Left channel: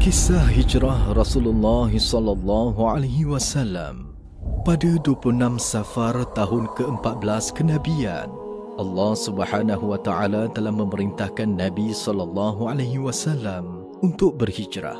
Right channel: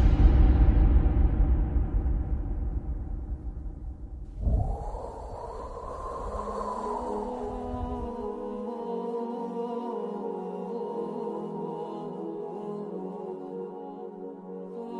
Kisah hijrah Rasulullah sallallahu alaihi wasallam. Pada 26 Safar tahun ke-14 kenabian, Allah Subhanahu wa taala telah memerintahkan Nabi sallallahu alaihi wasallam untuk berhijrah.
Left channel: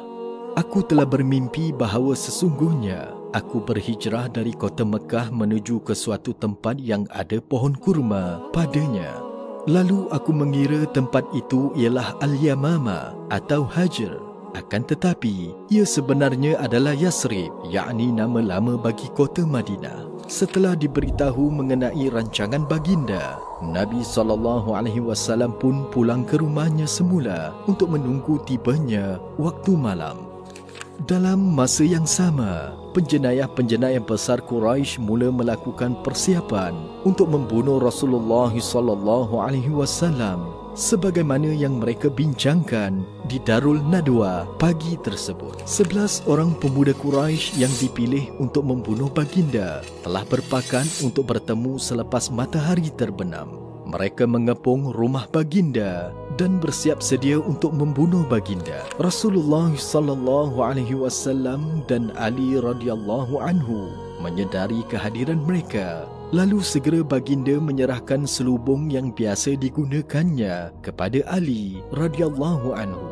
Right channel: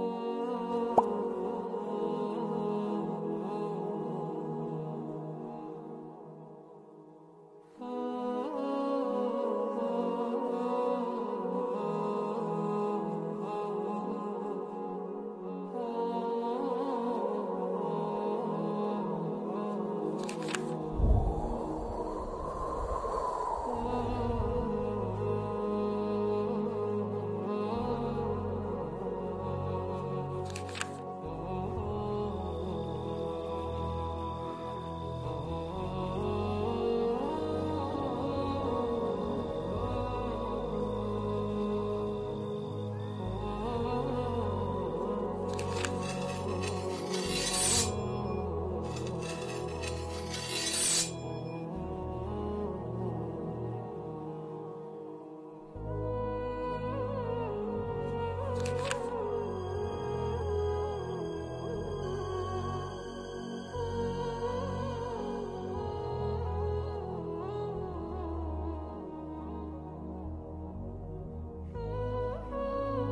Aku telah bermimpi bahawa sesungguhnya aku berhijrah dari kota Mekah menuju ke suatu tempat yang ada pohon kurma padanya. Lalu aku mengira tempat itu ialah Al-Yamama atau Hajar. Akan tetapi, ia sebenarnya adalah Yasrib, yakni nama lama bagi kota Madinah. Setelah diberitahu mengenai rancangan baginda, Nabi SAW pun pulang ke rumahnya semula untuk menunggu tibanya waktu malam. Dalam masa yang sama, penjenayah-penjenayah besar Quraisy mula melakukan persiapan untuk membunuh Rasulullah SAW sebagaimana yang mereka bincangkan di Darul Nadwa pagi tersebut. 11 orang pemuda Quraisy yang dipilih untuk membunuh baginda telah berpakan untuk bertemu selepas matahari terbenam. Mereka mengepung rumah baginda dan bersiap sedia untuk membunuh baginda. Rasulullah SAW dan Ali radhiyallahu anhu menyedari kehadiran mereka. Lalu segera baginda menyerahkan selubung yang biasa digunakannya kepada Ali radhiyallahu anhu.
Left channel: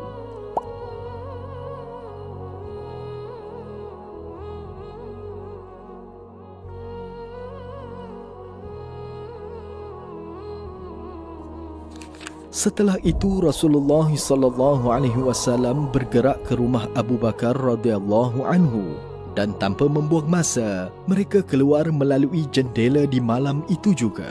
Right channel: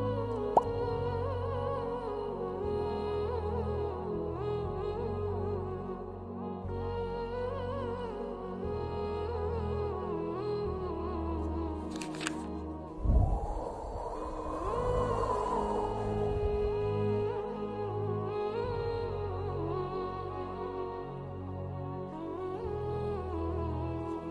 Setelah itu Rasulullah SAW bergerak ke rumah Abu Bakar radhiyallahu anhu. Dan tanpa membuang masa, mereka keluar melalui jendela di malam itu juga.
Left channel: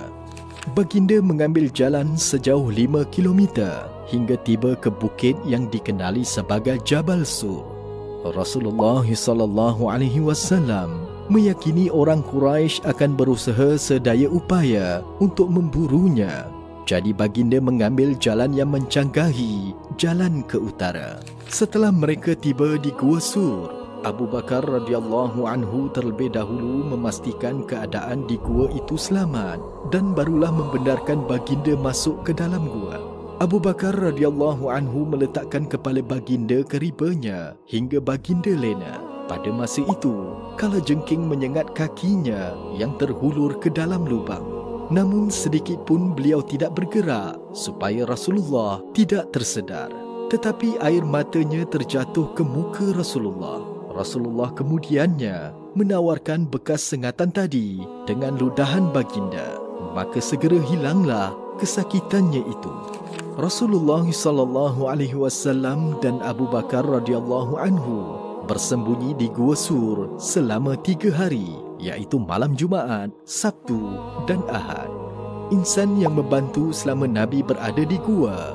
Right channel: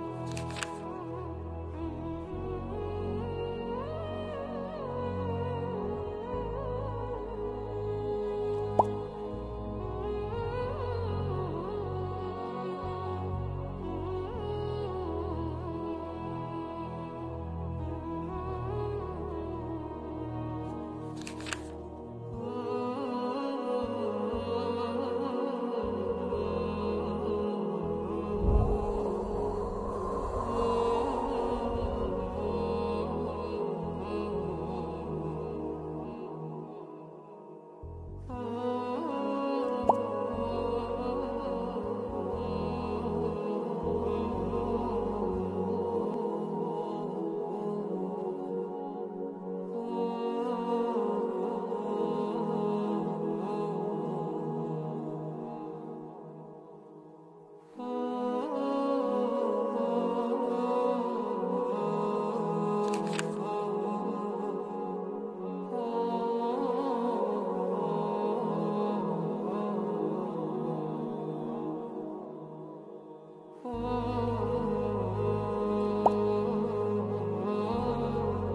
Baginda mengambil jalan sejauh 5 km hingga tiba ke bukit yang dikenali sebagai Jabal Sur. Rasulullah SAW meyakini orang Quraisy akan berusaha sedaya upaya untuk memburunya. Jadi baginda mengambil jalan yang mencanggahi jalan ke utara. Setelah mereka tiba di Gua Sur, Abu Bakar radhiyallahu anhu terlebih dahulu memastikan keadaan di gua itu selamat dan barulah membenarkan baginda masuk ke dalam gua. Abu Bakar radhiyallahu anhu meletakkan kepala baginda ke ribanya hingga baginda lena. Pada masa itu, kalajengking menyengat kakinya yang terhulur ke dalam lubang. Namun sedikit pun beliau tidak bergerak supaya Rasulullah tidak tersedar. Tetapi air matanya terjatuh ke muka Rasulullah. Rasulullah kemudiannya menawarkan bekas sengatan tadi dengan ludahan baginda. Maka segera hilanglah kesakitannya itu. Rasulullah SAW dan Abu Bakar radhiyallahu anhu bersembunyi di Gua Sur selama 3 hari, iaitu malam Jumaat, Sabtu dan Ahad. Insan yang membantu selama Nabi berada di gua.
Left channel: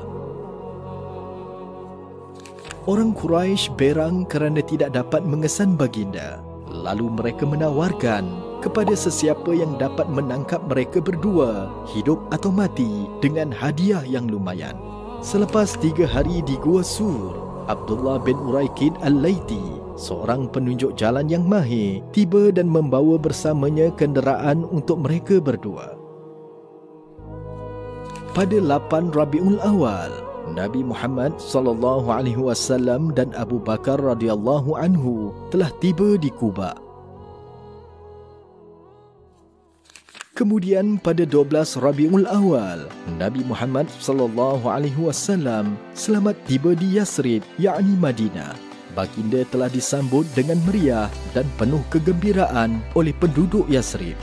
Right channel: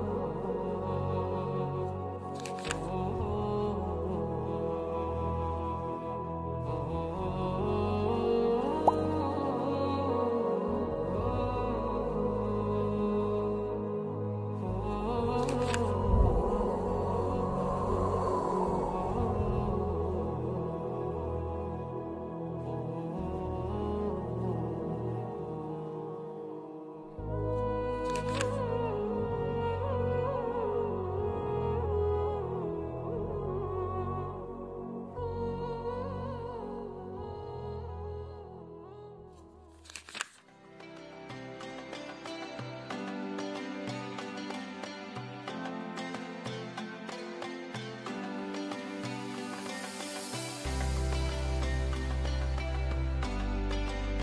Orang Quraisy berang kerana tidak dapat mengesan baginda. Lalu mereka menawarkan kepada sesiapa yang dapat menangkap mereka berdua, hidup atau mati, dengan hadiah yang lumayan. Selepas 3 hari di Gua Sur, Abdullah bin Uraikid Al-Laiti, seorang penunjuk jalan yang mahir, tiba dan membawa bersamanya kenderaan untuk mereka berdua. Pada 8 Rabiul Awal, Nabi Muhammad SAW dan Abu Bakar radhiyallahu anhu telah tiba di Quba. Kemudian pada 12 Rabiul Awal, Nabi Muhammad SAW selamat tiba di Yasrib, yakni Madinah. Baginda telah disambut dengan meriah dan penuh kegembiraan oleh penduduk Yasrib.